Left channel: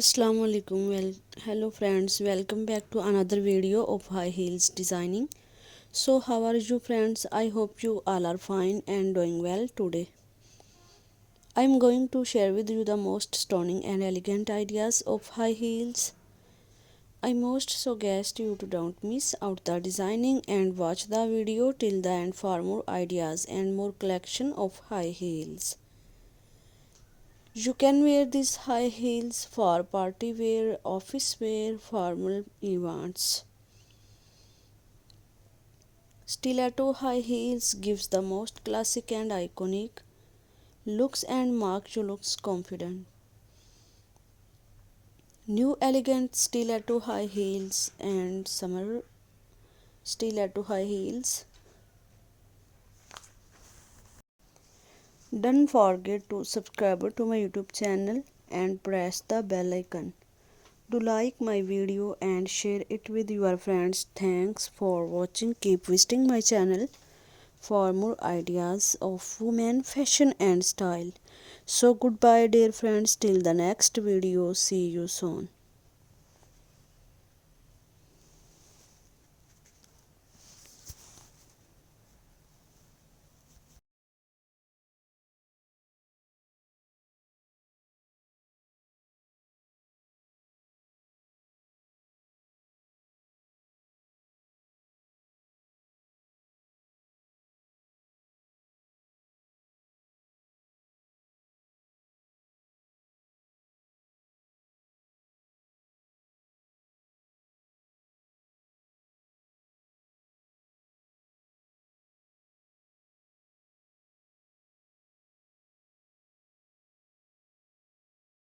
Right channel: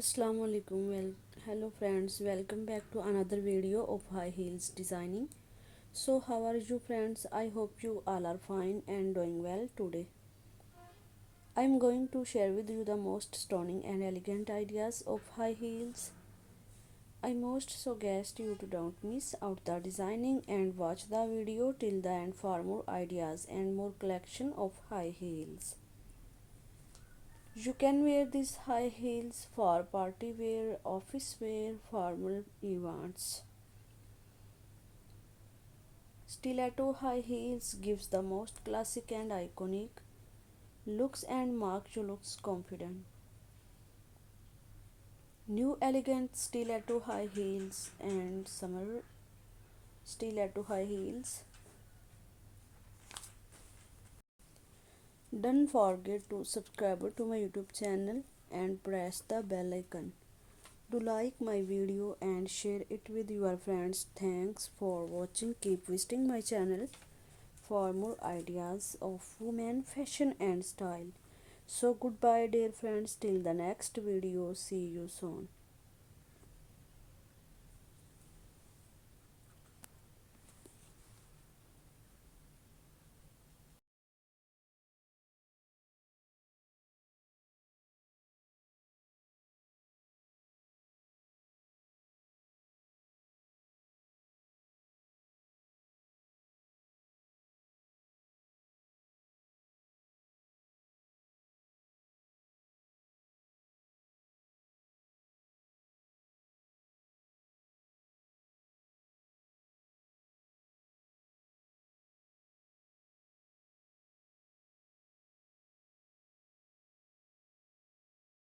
Assalamu alaikum. Hello friends, welcome back to another video of high heels designing. So how are you friends? I hope you all are fine and doing well today. I am going to share with you the most stunning and elegant ideas of high heels. I most suggest you to don't miss out the designing and watch the video till the end for more ideas and more collection of high heels. You can wear these high heels for party wear, office wear, formal events. Stiletto high heels gives the most classic and iconic looks and make you looks confident. New elegant stiletto high heels and summer stiletto high heels. Don't forget to subscribe to my YouTube channel and press the bell icon. Do like my video and share it with your friends. Thanks for watching. Keep visiting my channel for more ideas of women fashion and style. So goodbye dear friends till the next video. See you soon.